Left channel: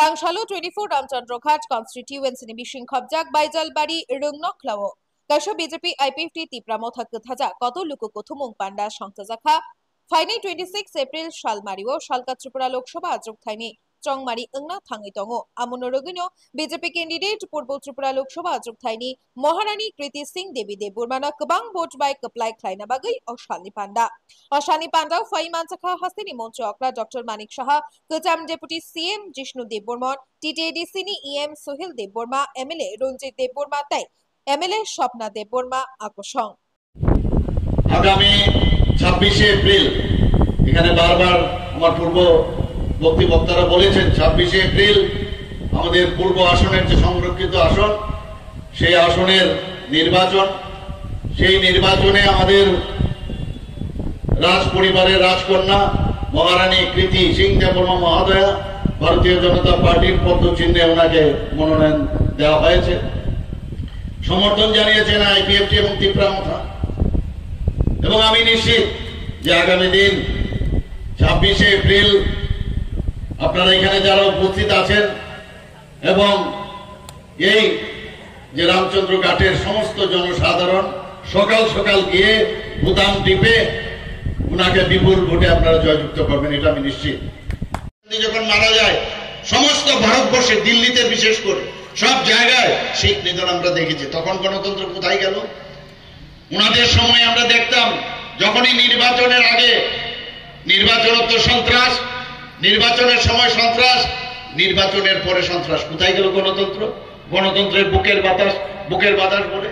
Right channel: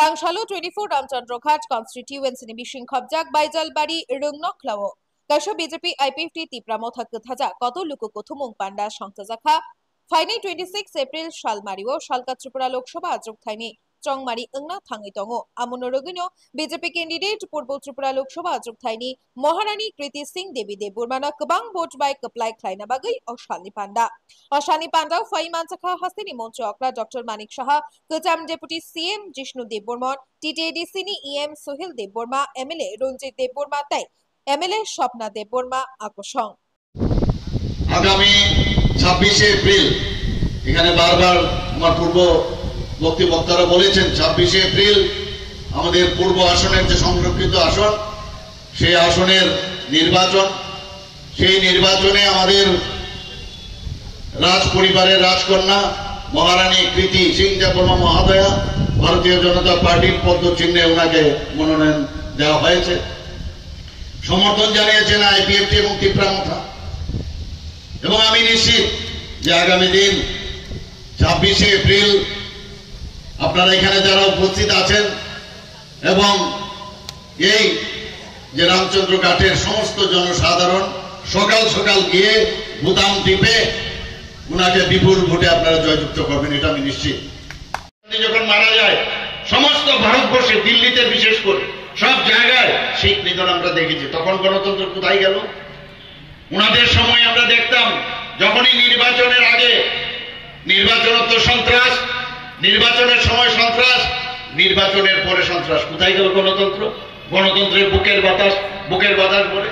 Kangshalo 24 Ramchandroghat constituency ni bising khobjak Baijalbari Rungnokhlawo Kasho BJP IPFT Tipramo Thakathaja Koto Luku Kothumung Panda Shangtajakha Faini 26 April Shalmario Shalka Tripura Lok Sabha Ajokthani Chongmari Engna Thangi Tongo Amunorogino BJP candidate Purbo Tripura Lok Sabha Ajokthani Maharani Kriti Singh Devi Deburmana Kabang vote by Kaplai Klaina Bagai Oshani Panda Fai Mansakha Hasini Monchokra Dr. Manik Shaha Kacham Deputy CM Jishnu Deburman TTADC ni EM Sohil Deburma MLA Ranjit Deburma Tai MLA Shopna Deburma Akoshong আগামী 26 April এখানে বারবার আমার পূর্ব বক্তারা বলেছেন 26 April আমাদের পূর্ব আসনের যে সংরক্ষিত আসন সেই আসনের নির্বাচন সেই নির্বাচনে আমাদের রাজ পরিবারের রাজকন্যা মহারানী কৃতি সিং দেববর্মা মহোদয়া ভারতীয় জনতা পার্টির পদচিহ্নে ওনাকে মনোনয়ন দেওয়া হয়েছে সমর্থন জানিয়েছেন আইপিএফটি এবং ত্রিপুরা এবং আমি নিশ্চিত যে আগামী দিন 26 এপ্রিল আপনারা এখানে যারা উপস্থিত আছেন এবং এই যে রামচন্দ্র ঘাটের সমস্ত জনসাধারণ সকাল সকাল গিয়ে বুতাম টিপে উনাকে বিপুল ভোটে আপনারা জয়যুক্ত করবেন এটা আমি নিশ্চিত যখন মারা যায় সমস্ত ভারতবর্ষে দিল্লিতে বিশেষ করে সব জায়গায় শিখ নিধন আমরা দেখেছি তখন গণতন্ত্র কোথায় গেল উনাদের সময় আমরা দেখতাম যখনই নির্বাচনের আগে নির্বাচনোত্তর সন্ত্রাস নির্বাচনের সময় সন্ত্রাস নির্বাচনের পরে সন্ত্রাস কোথায় গেল গণতন্ত্র গণতন্ত্রের বুকের বাতাস বলে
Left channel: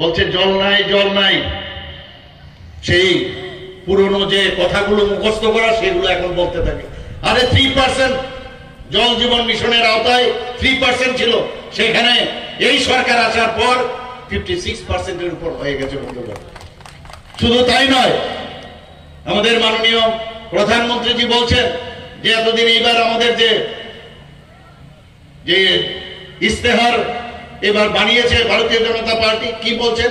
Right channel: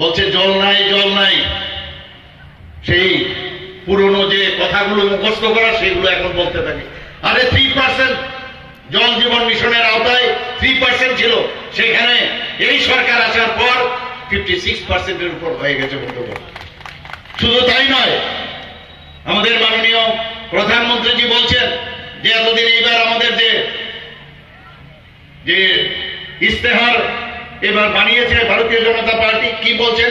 বলছে জল নাই সেই পুরনো যে কথাগুলো মুখস্থ করা সেগুলো এখন বলতে থাকে আরে 3% জল জীবন মিশনের আওতায় 3% ছিল সেখানে এই সরকার আসার পর 56% এর উপর হয়ে গেছে বন্ধুগণ শুধু তাই নয় আমাদের মাননীয় প্রধানমন্ত্রীজি বলছেন যে এতদিন এইবার আমাদের যে ইস্তেহার এবার বানিয়েছে ভারতীয় জনতা পার্টি কি বলছেন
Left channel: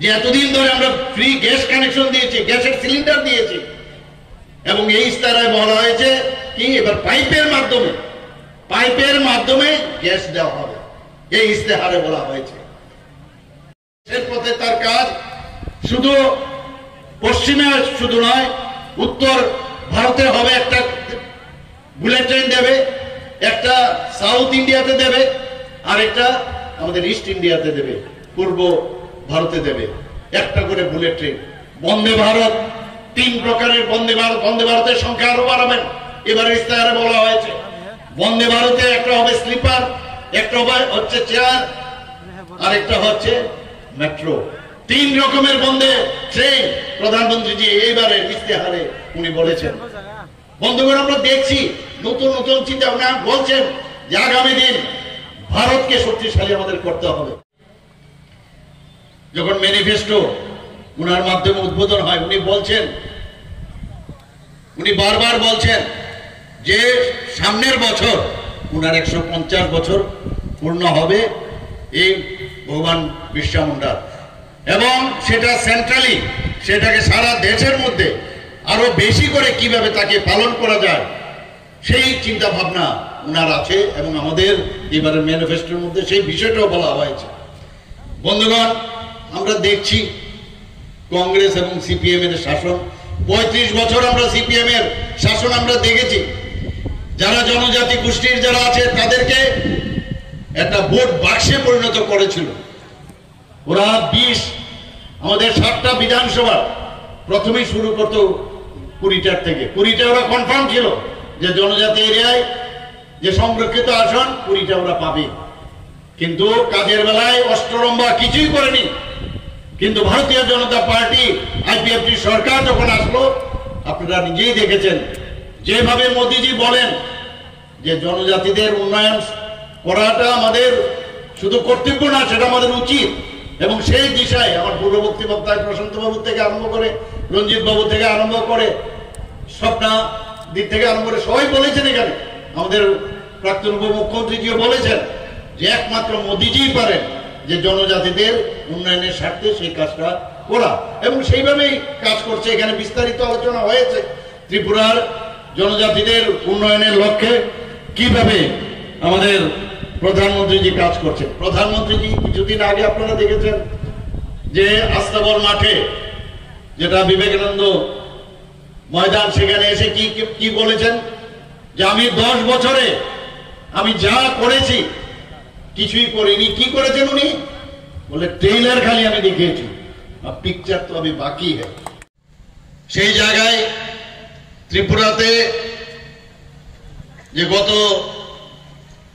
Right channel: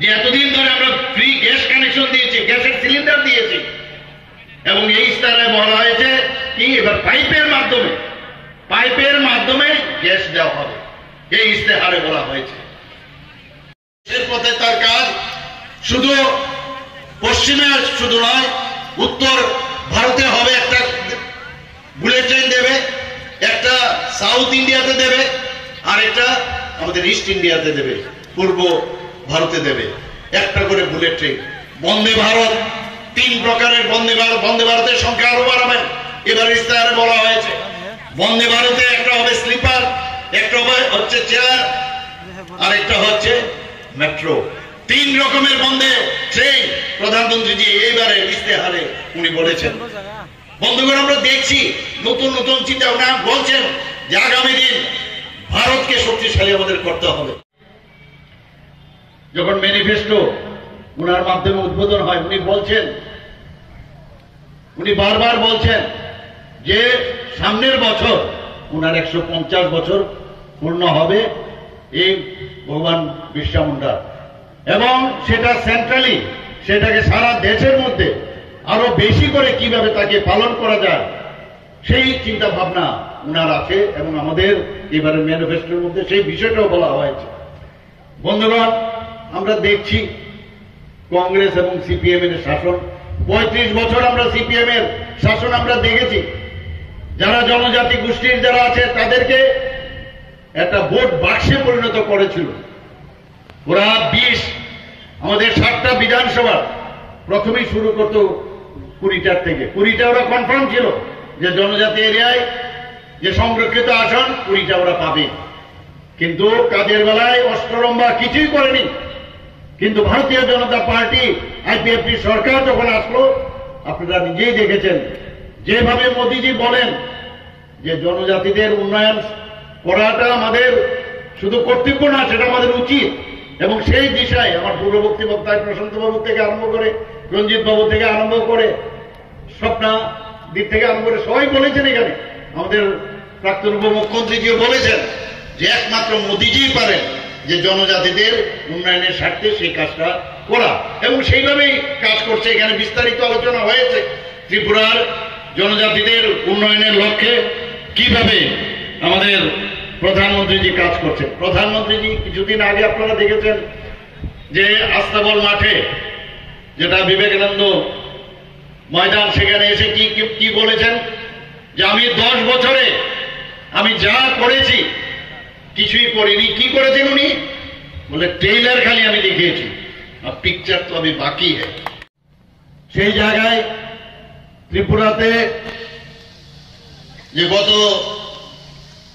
যে এতদিন ধরে আমরা ফ্রি গ্যাস কানেকশন দিয়েছি গ্যাসের সিলিন্ডার দিয়েছি এবং এই ইস্তেহারে বলা হয়েছে কি এবার পাইপের মাধ্যমে গ্যাস দেওয়া হবে এই ইস্তেহারে বলা হয়েছে এর পথে তার কাজ শুধু পশ্চিমে শুধু নয় উত্তর ভারতে হবে একটা বুলেট ট্রেন দেবে একটা সাউথ ইন্ডিয়াতে দেবে আর একটা আমাদের ইস্ট ইন্ডিয়াতে দেবে পূর্ব ভারতে দেবে একটা করে বুলেট ট্রেন বন্দে ভারত 3 প্রকারের বন্দে ভারতের সংখ্যা আরো বাড়াবেন এবার ইস্তেহারে বলা হয়েছে বন্দে ভারতে একটা হবে স্লিপার একটা হচ্ছে চেয়ার আর একটা হচ্ছে মেট্রো 3 রকমের বন্দে ট্রেন প্রধানমন্ত্রীজি এইবারে ইস্তেহারে উনি বলেছেন বন্ধুগণ আমরা দেখছি নতুন চিন্তা ভাবনা বলছেন যে আগামী দিন ভারতকে শক্তিশালী আমাদের করতে হবে যখন ম্যানিফেস্টো উনার মাধ্যমে উদ্বোধন হয় উনি বারবার বলছেন যে সামনের বছর উনার 150 বছর পূর্ণ হবে এই ভগবান বিরসা মুন্ডা এবং সেটা সেন্ট্রালি সেটাকে সারা দেশের মধ্যে আরো বেশি করে কিভাবে তাকে পালন করা যায় সেই চিন্তা ভাবনা উনার আছে এবং আমাদের এবারের ম্যানিফেস্টোর মধ্যে সেই বিষয়টাও বলা হয়েছে বন্ধুগণ আমরা দেখছি কংগ্রেস এবং সিপিএম এর শাসন 35 বছর আমরা সিপিএম এর শাসন আমরা দেখেছি যারা জনজাতি গোষ্ঠীর যারা আছে তাদেরকে একটা ভোট বাক্সে পরিণত করেছিল ওরা 20 আমাদের 7টা বিধানসভা প্রথমেই শুরু করতো 20টার থেকে 20টা ওরা কনফার্ম ছিল যে জনজাতি এরিয়ায় যে সংরক্ষিত আসন 20টা ওরা পাবে কিন্তু কাজের বেলায় অষ্টরম্বা কিছুই করেনি কিন্তু ভারতীয় জনতা পার্টি আইপিএফটি সরকার যখন আসলো আপনারা নিজেই দেখেছেন যেভাবে মোদিজি বলেন যে জনজাতিদের উন্নয়ন করাটা আমাদের শুধু কর্তব্য না সেটা আমাদের উচিত এবং সেই দিশায় আমার পূর্ববর্তী বক্তায় প্রশান্ত বাবু থেকে আরম্ভ করে রঞ্জিত বাবু থেকে আরম্ভ করে স্বপ্না দিক থেকে আরম্ভ করে সবাই বলেছেন এখানে আমাদের প্রাক্তন উপমুখ্যমন্ত্রীজিও বলেছেন যে একমাত্র মোদিজি পারেন যে জনজাতিদের উন্নয়নের স্বার্থে সেই কাজটা করা এবং সেইভাবেই কাজ করছে এখানে বিস্তারিত আলোচনা হয়েছে ত্রিপুরার জনজাতিদের উন্নয়নের লক্ষ্যে কিভাবে আমাদের প্রধানমন্ত্রীজি কাজ করছেন। প্রধানমন্ত্রীজি কিছুদিন আগে আপনারা দেখেছেন যে আস্তাবল মাঠে, যেটা বিবেকানন্দ ময়দান, সেখানে এসে কি বলেছেন যে আমি 10 বছরে আমি যা করেছি কিছুই করিনি। কি করেছেন উনি? বলে ট্রেইলার খালি আমি দেখিয়েছি, আর পিকচার তো আমি বাকি হ্যাঁ। সেই জায়গায় ত্রিপুরাতে যে গত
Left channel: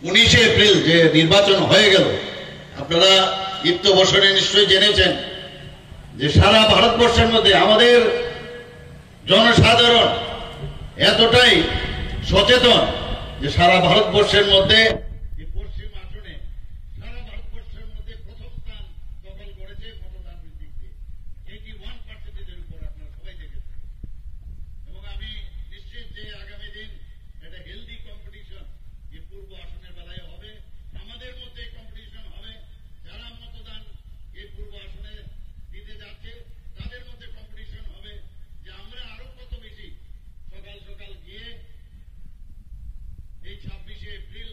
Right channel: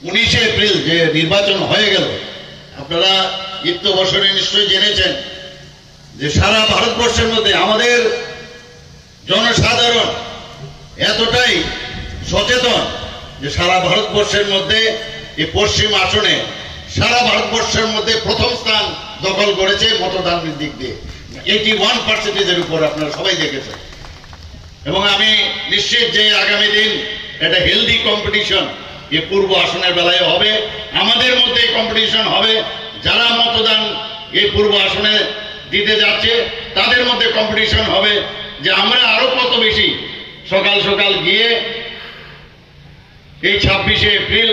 19 এপ্রিল যে নির্বাচন হয়ে গেল, আপনারা ইত্য বছরে নিশ্চয়ই জেনেছেন যে সারা ভারতবর্ষের মধ্যে আমাদের জনসাধারণ এতটাই সচেতন যে সারা ভারতবর্ষের মধ্যে এই পশ্চিম আসনে সারা ভারতবর্ষের মধ্যে প্রথম স্থান দখল করেছে মতদানের দিক দিয়ে। 81% উপর আপনারা সবাই দেখেছেন। এবং আমি নিশ্চিত যে আগামী দিন একটা হেলদি কম্পিটিশন এই পূর্ব আসনের বেলায় হবে, আমাদের মধ্যে কম্পিটিশন হবে। যারা মতদান এই পূর্ব আসনে দিতে যাচ্ছে তাদের মধ্যে কম্পিটিশন হবে যে আমরা আরো কত বেশি সকাল সকাল গিয়ে এই 26শে এপ্রিল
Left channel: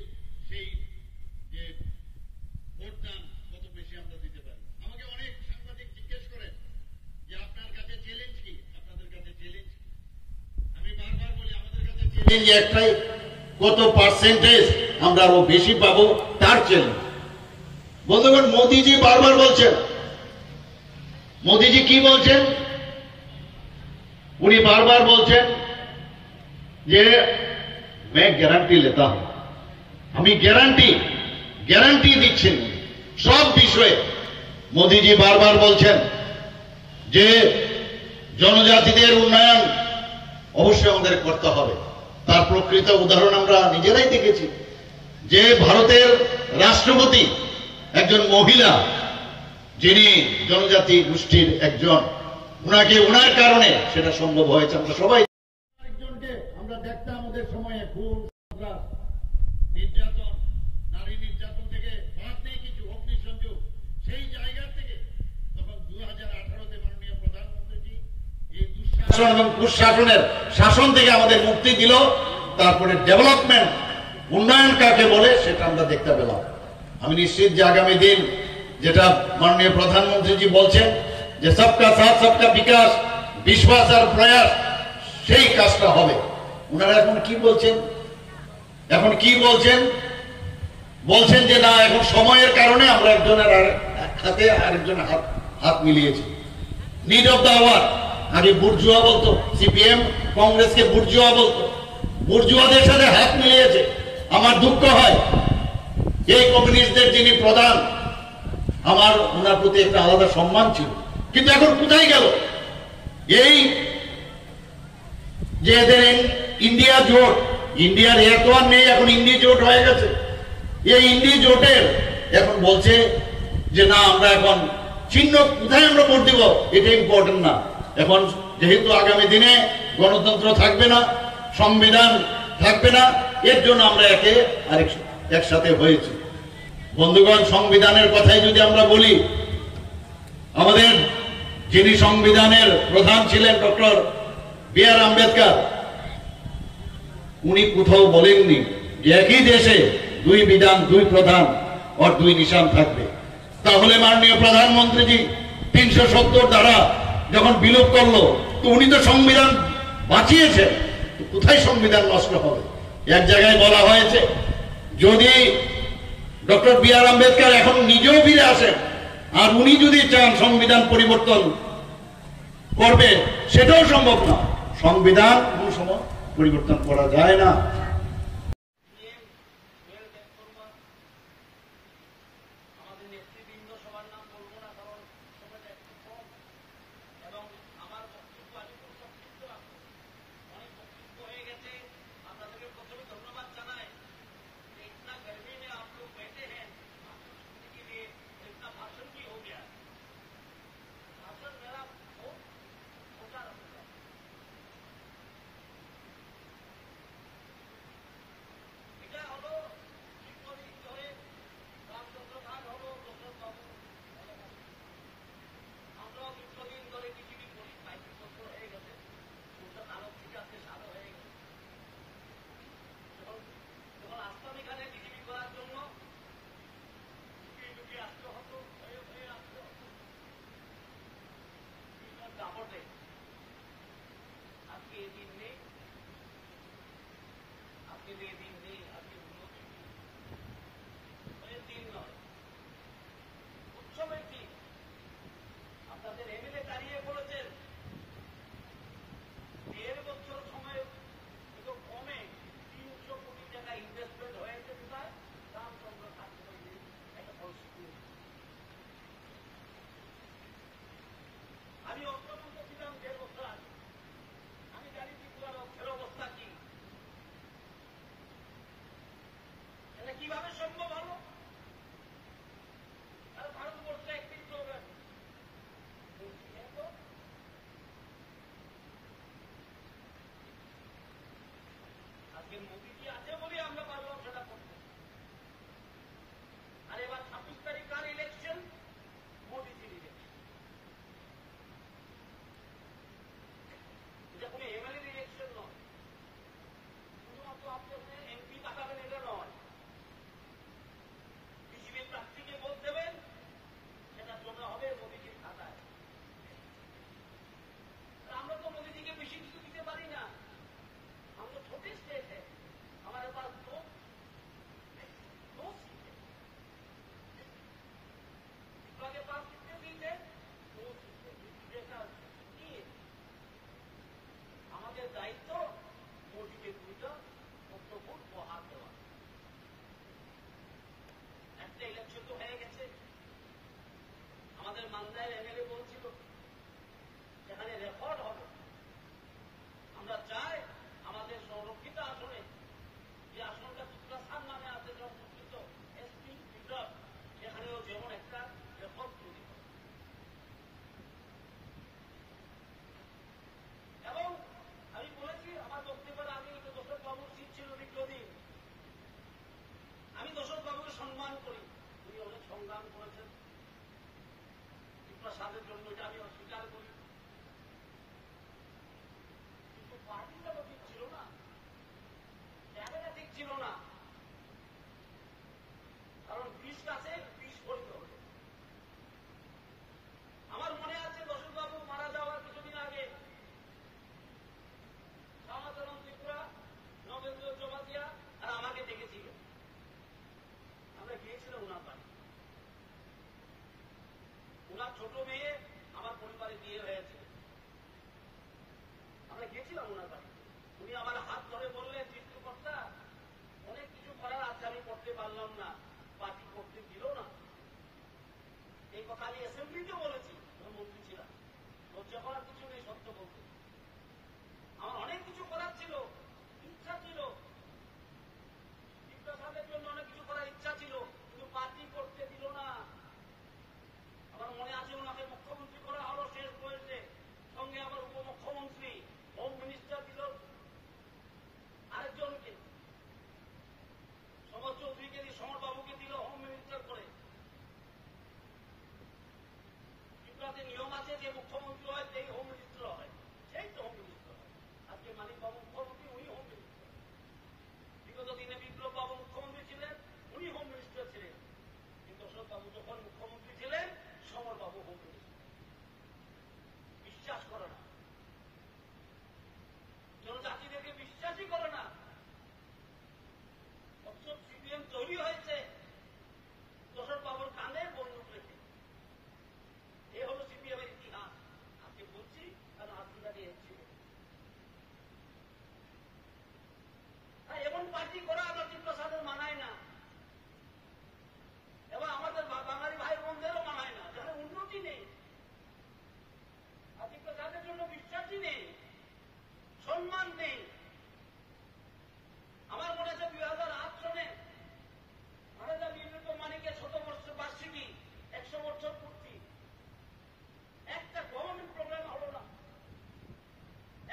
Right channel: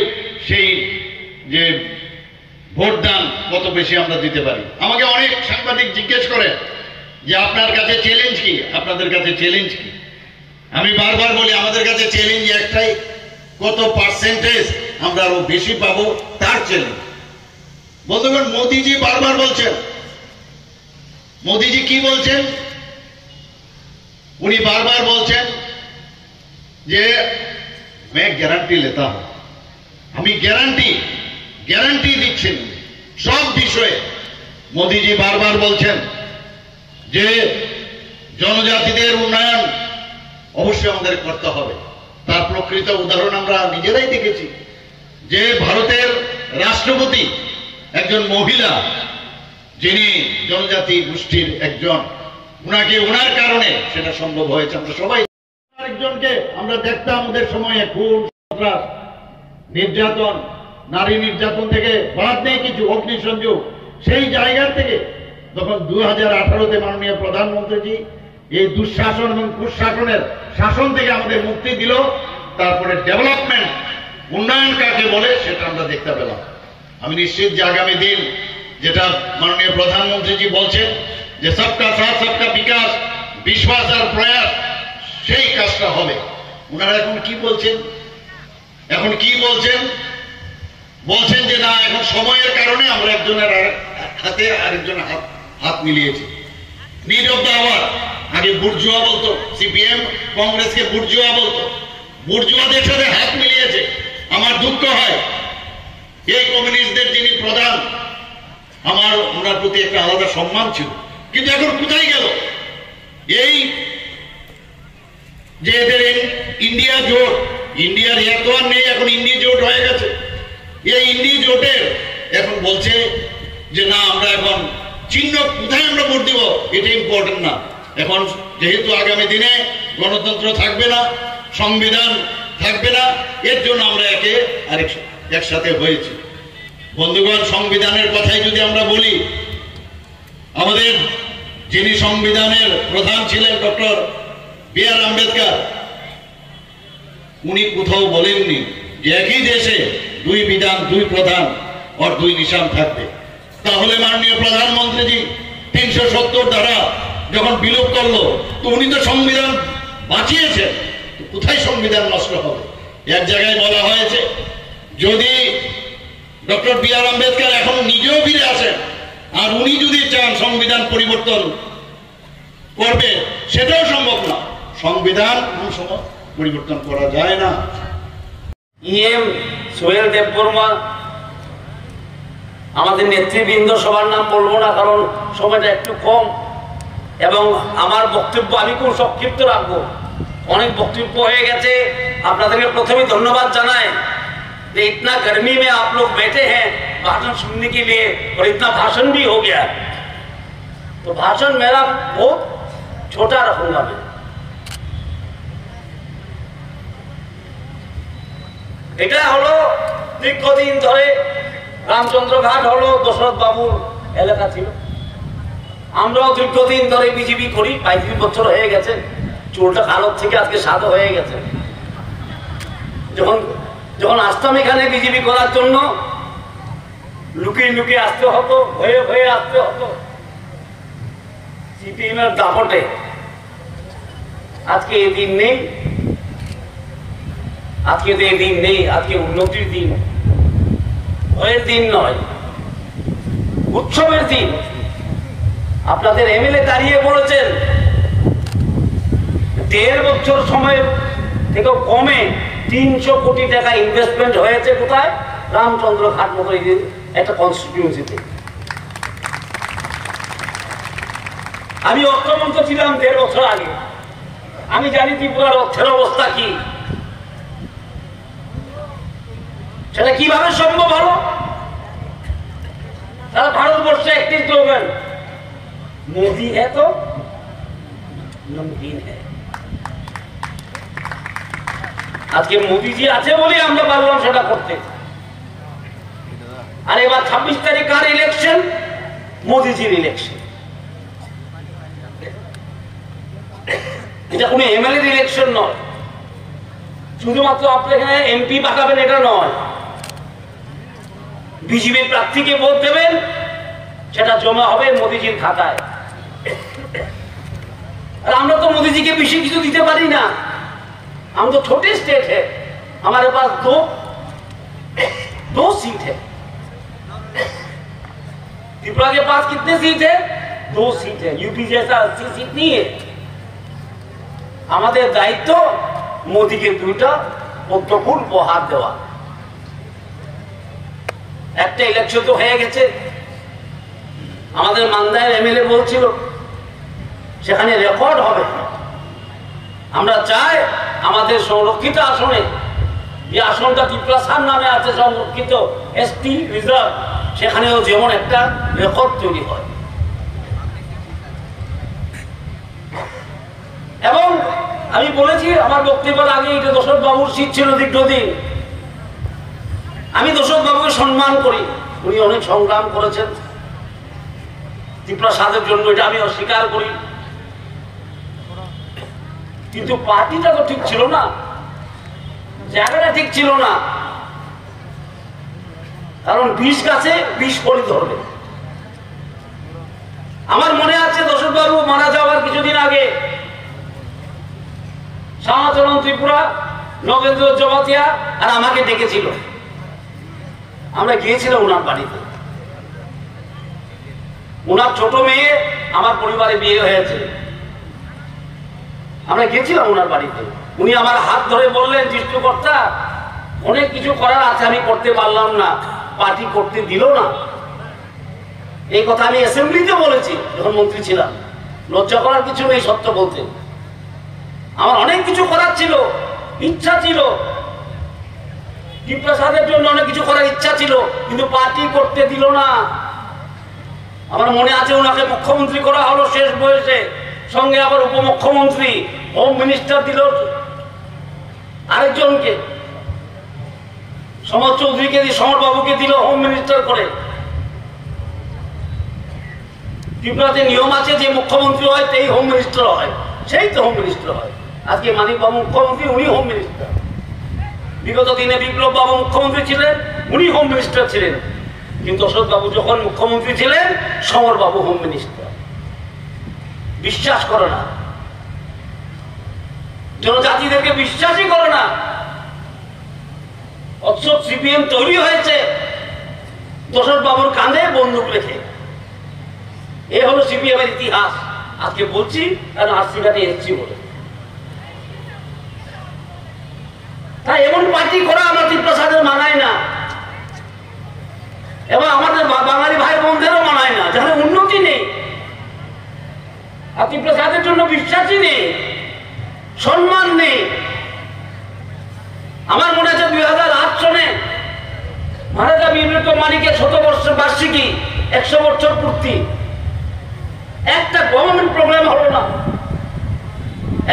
সেই যে ভোটদান কত বেশি আমরা দিতে পারি। আমাকে অনেক সাংবাদিক জিজ্ঞেস করে যে আপনার কাছে চ্যালেঞ্জ কি, আপনাদের কাছে চ্যালেঞ্জ কি। আমি বারবার বলি আমাদের কাছে চ্যালেঞ্জ একটাই, কত পার্সেন্টেজ আমরা আরো বেশি পাবো তার চ্যালেঞ্জ। বন্ধুগণ, মোদিজি বারবার বলছেন, মোদিজি কি বলছেন? উনি বারবার বলছেন যে मैं গ্যারান্টি लेता हूं, আমি গ্যারান্টি দিচ্ছেন সব বিষয়ে। মোদিজি বারবার বলছেন যে জনজাতিদের উন্নয়ন অবশ্যই আমাদের করতে হবে। তার প্রকৃত উদাহরণ আমরা নিজেরাই দেখেছি যে ভারতের রাষ্ট্রপতি একজন মহিলা, যিনি জনজাতি গোষ্ঠীর একজন, ওনার কারণে সেটা সম্ভব হয়েছে। আমরা সবাই আরেকজনকে আমরা দেখতাম ওদের সময়ে খুন, সন্ত্রাস, নির্যাতন, নারী নির্যাতন থেকে বাদ নেই কিছু, অগ্নিসংযোগ। সেই জায়গা থেকে যখন 2018-তে মাননীয় প্রধানমন্ত্রীজি এই দুঃশাসন এবং কুশাসনের শাসন থেকে আমাদের মুক্তি দিল, তারপরে ডেভেলপমেন্ট, উন্নয়ন কাকে বলে সেটা আমরা দেখতে পেলাম। আমি নিশ্চিত যে আগামী দিন যেটা মাননীয় প্রধানমন্ত্রীজি বলছেন যে সবকা সাথ সবকা বিকাশ, বিশ্বাস আর প্রয়াস, সেই কাজটা হবে। ওনারা এখন কি বলছেন? বলছেন যে না, এখন সময়ের কারণে আমরা একজনের হাতে আরেকজনের হাত মিলিয়েছি। Need of the hour. আগে বুর্জুয়া বলতো, সিপিএম কংগ্রেসকে বুর্জুয়া বলতো, বুর্জুয়াদের সাথে হাত মিলিয়েছে। আমার দুঃখ হয় এই কমিউনিস্টদের যিনি প্রধান, আমার ওনার প্রতি একটা আলাদা সম্মান ছিল, কিন্তু এখন কোথায় গেল? এই যে এদের ইন্ডিয়া জোট, ইন্ডিয়ার এত আর নেই, এখন ইন্ডি জোট হয়ে গেছে। এই ইন্ডি জোটের এখন বলছে যে না, আমরা এখন চিহ্ন কোথায় আমরা ভোট দিব এটা ইম্পর্টেন্ট না। এখন যেহেতু আগামী দিনে গণতন্ত্র থাকবে না, সংবিধান থাকবে না, এর জন্য আমরা একসাথে হয়েছি। বন্ধুগণ, সংবিধানের কথাই যদি আমরা বলি, আমাদের যিনি সংবিধানের প্রধান ছিলেন ডক্টর বি.আর. আম্বেদকর, উনি কোথাও বলেননি যে একই দেশে 2 বিধান, 2 প্রধান আর 2 নিশান থাকবে। তাহলে মাননীয় প্রধানমন্ত্রীজি 370 ধারা যখন বিলোপ করলো, তো উনি তো সংবিধান বাঁচিয়েছেন, কোথায় সংবিধান নষ্ট হবে? এক জায়গায় বলা হয়েছে যদি ডক্টর বি.আর. আম্বেদকর এখন নিজেও ফিরে আসেন আর উনি যদি চান সংবিধান পরিবর্তন করবেন, সেটাও সম্ভব না। সংবিধান কোন সময় পরিবর্তন করা যায় না। ইএম সোহেল দেববর্মা, আমাদের নেতৃবৃন্দ, সবার নাম বলবো না কারণ সময়টা একটু কম, এবং আমার বক্তব্য আমি খুব সংক্ষিপ্ত রাখবো। অনেক বক্তব্য হয়ে গেছে। আপনাদেরকে প্রথমে ধন্যবাদ জানাই যে इतना गर्मी में आप लोग बैठे हैं भाषण सुनने के लिए, और इतना भाषण भी हो गया। तो भाषण मेरा बहुत छोटा रखूंगा मैं। এটা হলো দীর্ঘদিন ধরে রামচন্দ্র ঘাট হলো দশরথ বাবুর এলাকা ছিল। আমরাও দীর্ঘদিন ধরে বিজেপি করি, 35 বছর হয়ে গেছে। চুলটা কালো থেকে আজকে সাদা হয়ে গেছে। যখন যখন আসতাম এখানে বিজেপি করার জন্য লুকিয়ে লুকিয়ে আসতে হতো, ভয়ে ভয়ে আসতে হতো সিপিএমের দাপটে। আজকে এই দিন নেই, আজকে তো এই দিন নেই, আজকে উন্নতির দিন, ভয়ের দিন নয়, উৎসবের দিন। আপনাদের এমএলএ দাঁড়িয়ে বলেছেন 1.5 বছর সময় থেকে কমে 300 কোটি টাকা ইনভেস্টমেন্ট হয়েছে কোথায়? রামচন্দ্র ঘাট মতো একটা কনস্টিটিউয়েন্সিতে। আমি অর্থমন্ত্রী ছিলাম 1.5 বছর আগে, আমি জানি ত্রিপুরার অর্থের অবস্থা কি, সেটা কিভাবে সম্ভব হলো। তারা ভারতবর্ষে একটি স্লোগান, মোদি হ্যাঁ তো নমকিন হ্যাঁ। আজকে মোদিজি আছে বলে আমরা পারলাম সেটা করতে। আর এবার 26 তারিখ কার ইলেকশন? মোদিজির ইলেকশন। এটা কোনো এমএলএ ইলেকশন নয়, শুধুমাত্র আপনি এখানে এমপি পাঠাবেন এটা নয়, বিজেপির প্রার্থীকে ভোট দেবেন, সেটা জমা হবে মোদিজির খাতায়। আর আমরা তো মোদিজিকে বেশি কিছু দিতে পারি না, हम तो छोटे स्टेट है, हमारे पास दो सीट है। त्रिपुरा के पास कितने सीट है? 2 सीट है। यूपी जैसा 80 सीट नहीं है। हमारे दायित्व मोदी के 2টা পদ্মফুল উপহার দেওয়া। একটা ইলেকশন তো হয়ে গেছে, আমাদের মান্দায়ের এমএলএ বলছিল সেখানে রেকর্ড হবে। আমরা চাই আমাদের সংরক্ষিত আসনে, যে আসনটা ত্রিপুরাসার নামে আছে সংরক্ষিত এসটি রিজার্ভ, সেখানেও যেমন একটা রেকর্ড তৈরি হয়। এবং আমি বলেছি আমার বক্তব্যের আগে, এটা দশরথ বাবুর সিট ছিল দীর্ঘদিন। আমি দশরথ বাবুকে সম্মান করি, উনি অনেক সংগ্রাম করেছেন ত্রিপুরাসাদের জন্য, এটা আমি অস্বীকার করি। কিন্তু পার্টিটা তো ঠিক ছিল না, জায়গাটা ঠিক ছিল না। কারণ 20 গাছে 20 ফল ধরবে। আমার মনে আছে দশরথ বাবু মারা যাওয়ার কিছুদিন আগে শ্যামাচরণ ত্রিপুরা, নগেন্দ্র জমাতিয়া আর আমাকে ডেকেছিল, আমরা গিয়েছিলাম ওনার বাড়িতে। ওনার ছোট মেয়ে আমার পরিবারে বিয়ে হয়েছে, আমরা গেছিলাম ওনার বাড়িতে। উনি আমার হাত ধরে বললেন, সৃষ্টিকর্তা অনেক কিছু করার আছে, আমি করতে পারলাম না, পার্টি করতে দিল না। এই কথা আমি অ্যাসেম্বলিতে বলেছি যখন মন্ত্রী ছিলাম। লজ্জা করার কিছু নেই, সত্য বলতে। আমার অনেক কিছু করার ছিল, ইচ্ছা ছিল, ত্রিপ্রাসাদের জন্য অনেক কিছু করার ইচ্ছা ছিল, কিন্তু পার্টি করতে দিল না। আমার মনে আছে ওনাকে মুখ্যমন্ত্রী করা হলো শেষ বয়সে, সঙ্গে আবার উপমুখ্যমন্ত্রী, হোম মিনিস্টার দিল আরেকজনকে, সমর চৌধুরীকে দিয়ে, সমর বাবুকে দিল হোম মিনিস্টার করে। ত্রিপুরাতে নিয়ম আছে যে মুখ্যমন্ত্রী হয় সেই হোম মিনিস্টার হয়, সেই তো হোম মিনিস্টার হয়। আজকে মানিক বাবু মুখ্যমন্ত্রী, উনি হোম মিনিস্টার। বিগত দিনে বিপ্লব বাবু মুখ্যমন্ত্রী ছিলেন, উনি হোম মিনিস্টার ছিলেন। কিন্তু অশোক বাবু যখন মুখ্যমন্ত্রী ছিলেন, সমর বাবু হোম মিনিস্টার। বিশ্বাস করে না, জনজাতিদেরকে বিশ্বাসই করে না। অথচ সিপিএম তৈরি হয়েছে দশরথ বাবুর কাঁধে বন্দুক রেখে। এ হলো সিপিএম এর ইতিহাস। আজকে বলছি কারণ আরসিঘাটে এসছি বলে। তাই এমন পার্টি করা আমার ত্রিপ্রাসাদের মানায় না, এবং আমাদের বাঙালি ভাই বোনদেরও মানায় না, যেখানে উন্নতি নেই, আর ত্রিপ্রাসাদের জন্য বিশ্বাসই নেই, সম্মান নেই। আমার মনে আছে 2008 সনে মহারাজা বীরবিক্রম মানিকের 100 বার্ষিকী, 100 বছর পূর্তি, একটা গভর্নমেন্ট প্রোগ্রাম হলো না,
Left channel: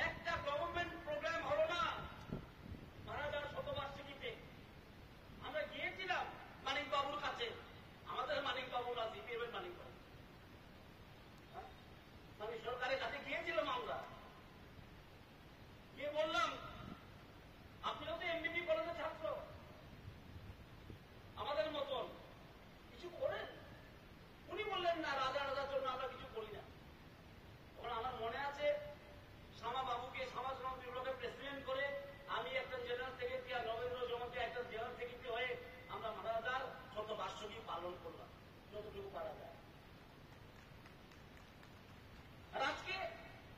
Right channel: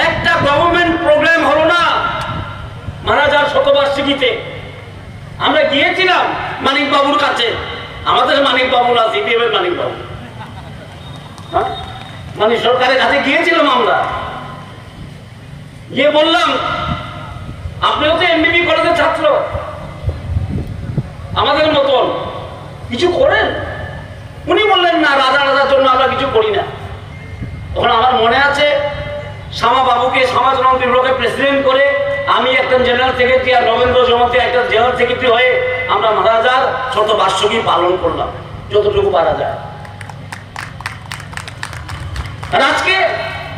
একটা গভর্নমেন্ট প্রোগ্রাম হলো না মহারাজার 100 বার্ষিকীতে। আমরা গিয়েছিলাম মানিক বাবুর কাছে, আমাদের মানিক বাবু না, সিপিএম এর মানিক বাবু, হ্যাঁ, মানে সরকারের কাছে গিয়েছিলাম আমরা, গিয়ে বললাম আপনিও তো এমবিবি কলেজের ছাত্র, সেক্রেটারি আর রবীন্দ্র জমাতে একটা জেনারেল সেক্রেটারি হয়ে আমরা মহারাজার শতবার্ষিকী পালন করলাম যতটুকু পারা যায়। আর আজকে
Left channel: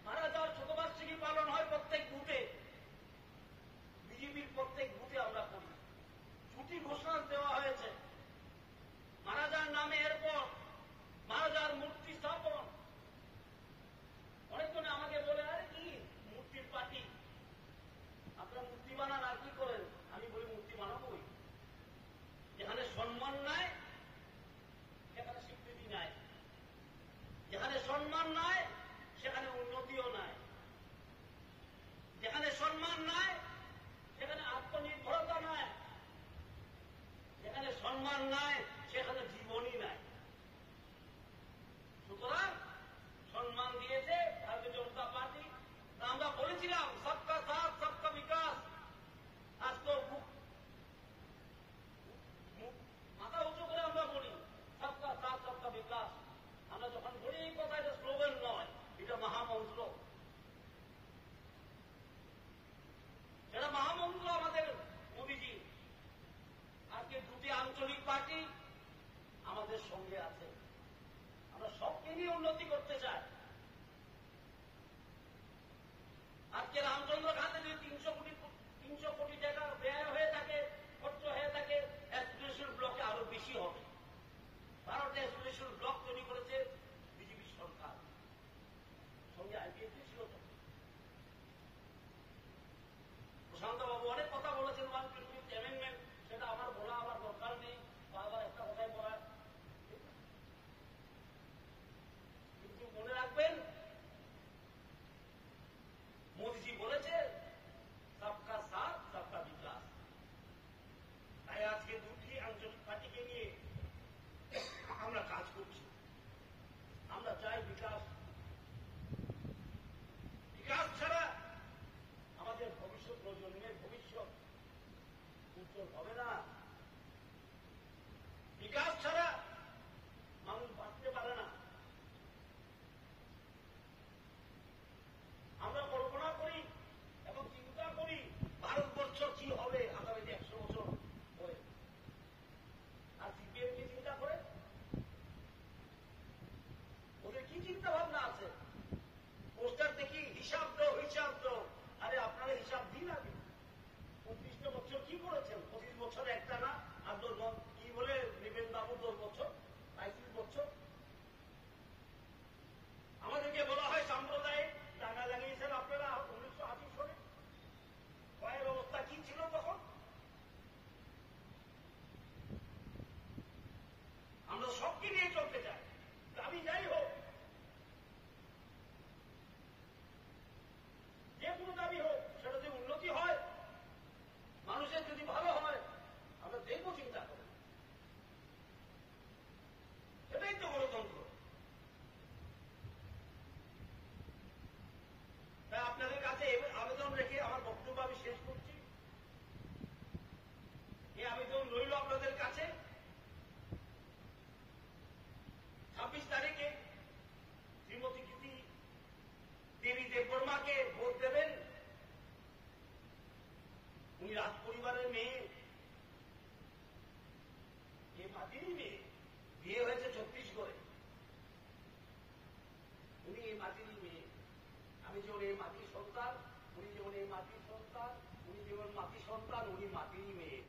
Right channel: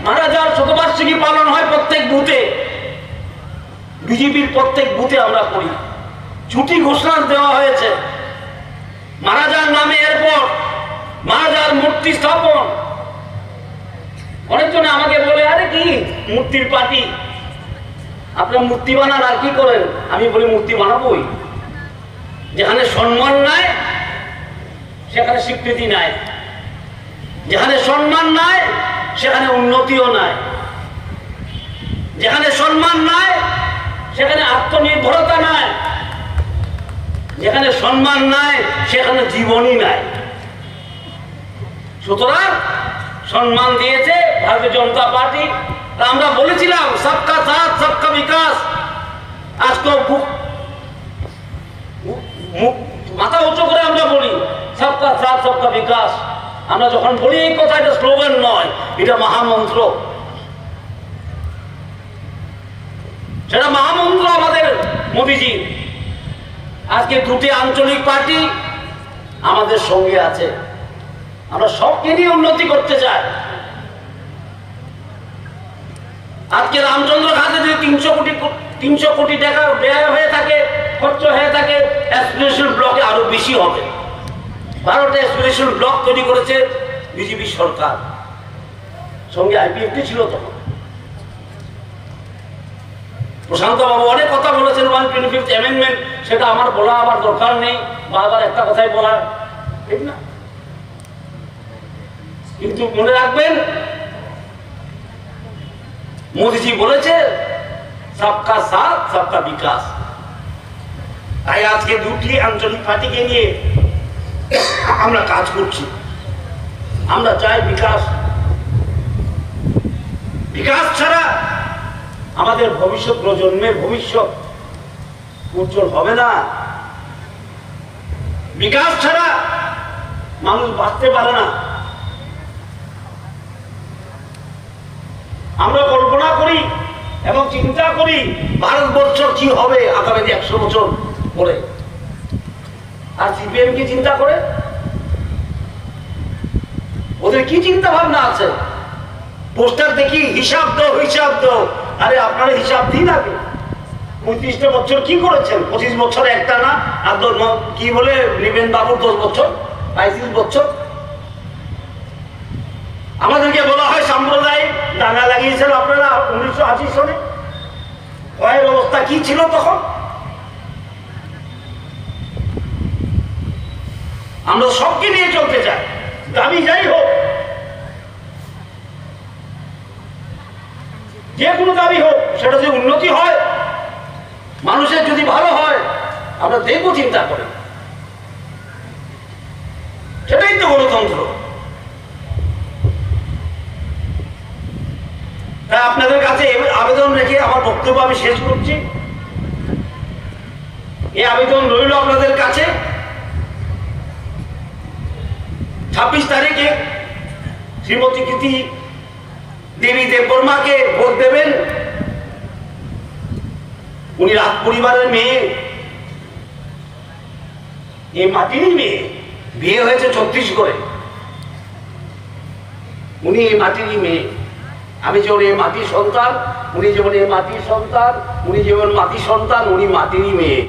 মহারাজার শতবার্ষিকী পালন হয় প্রত্যেক বুথে, বিজেপির প্রত্যেক বুথে আমরা করি। ছুটি ঘোষণা দেওয়া হয়েছে, মহারাজার নামে এরপর মহারাজার মূর্তি স্থাপন। অনেকজন আমাকে বলে, আরে কি মূর্তির পার্টি, আপনার মূর্তি বানান আর কি করেন? আমি বলি মূর্তি বানাবোই। যেখানে সম্মান নাই সেখানে স্বীকৃতি নাই, যেখানে সম্মান নাই সেখানে উন্নতিও নাই, যেখানে সম্মান নাই সেখানে আত্মনির্ভরতা নাই, যেখানে সম্মান নাই সেখানে জীবনই নাই। সুতরাং সম্মান দিয়েছে ভারতীয় জনতা পার্টি। আমরা বলেছিলাম সবকা সাথ সবকা বিকাশ। আজকে মাথা উঁচু করে আমরা বলি সবকা সাথ সবকা বিকাশ। আমরা যখন বলি এই কথা, এটা স্লোগান নয়, এটা মহামন্ত্র। সেটা মহামন্ত্র আমাদের মোদিজি। আজকে দুটি আঞ্চলিক পার্টি আমাদের সঙ্গে আছে, আমরা সবকে নিয়ে উন্নতি করতে চাই। আজকে রামচন্দ্র ঘাটে যদি 300 কোটি টাকা ব্যয় হয়ে থাকে, খরচ হয়ে থাকে, অ্যাসপিরেশন ব্লকে আরো বেশি হবে। 12টা অ্যাসপিরেশন ব্লক তৈরি করেছে বিজেপি সরকার, সঙ্গে আইপিএফটি ছিল তখন। প্রশান্ত বাবু অনেক কথা বলেছেন 125th অ্যামেন্ডমেন্ট, সেটা আমার বলা আবার দরকার নেই, বারবার একটা কথাই বলা, ঠিক না? কিন্তু মনে রাখবেন মোদিজি বলেছে সবকা সাথ সবকা বিকাশ। তাই আজকে দুটি আঞ্চলিক পার্টিকে নিয়ে আমরা কাজ করছি। আমরা চাই বিকাশ। বিকাশ ছাড়া আমাদের ভবিষ্যৎ প্রজন্মের ভবিষ্যৎ উজ্জ্বল হবে না। বিকাশ ছাড়া মানুষ বাঁচতে পারে না। আমরা কল্পনা করি এবং চিন্তা করি ভারতবর্ষ কি হবে আগামী 100 বছর পরে। আর সিপিএম কি চিন্তা করে? ওদের কি চিন্তা ভাবনা আছে? পোস্টার দেখি হিসাব দাও হিসাব দাও। আরে আপনারা হিসাব দিন আগে। 35টা বছর কি করেছেন? 25 বছর একটা না, আর কি বলে নিবেন বাবুর 10 বছর, 35 বছর। আমাদেরকে বলা হয় সাম্প্রদায়িক দাঙ্গা লাগিয়েছেন আপনারা 1980 সনে। কয়ের অবস্থা কি ছিল তখন? আমরা সবকে নিয়ে চলতে চাই, দাবি যাই হোক, যে কোনো দাবি হোক, সেটা যদি উন্নতি হয়, মানুষের যদি ভালো হয়, আমরা দেখবো চিন্তা করে। সেটাই তো গণতন্ত্র। তাই আপনাদের কাছে আবেদন রেখে আমার বক্তব্য আমি শেষ করছি। এই আবেদন রইল আপনাদের কাছে, 26 তারিখে শ্রীমতী কৃতি দেবী দেববর্মাকে ভোট দেবেন। উনি রাজ পরিবারের মেয়ে, এই মাটিরই মেয়ে, বিয়ে হয়েছে ছত্তিশগড়ে। উনি এই মাটিরই মেয়ে। আমি যেমন এই মাটির সন্তান, উনি যেমন এই মাটির সন্তান, উনি যেমন মাটির সন্তান, উনি মাটিরই মেয়ে।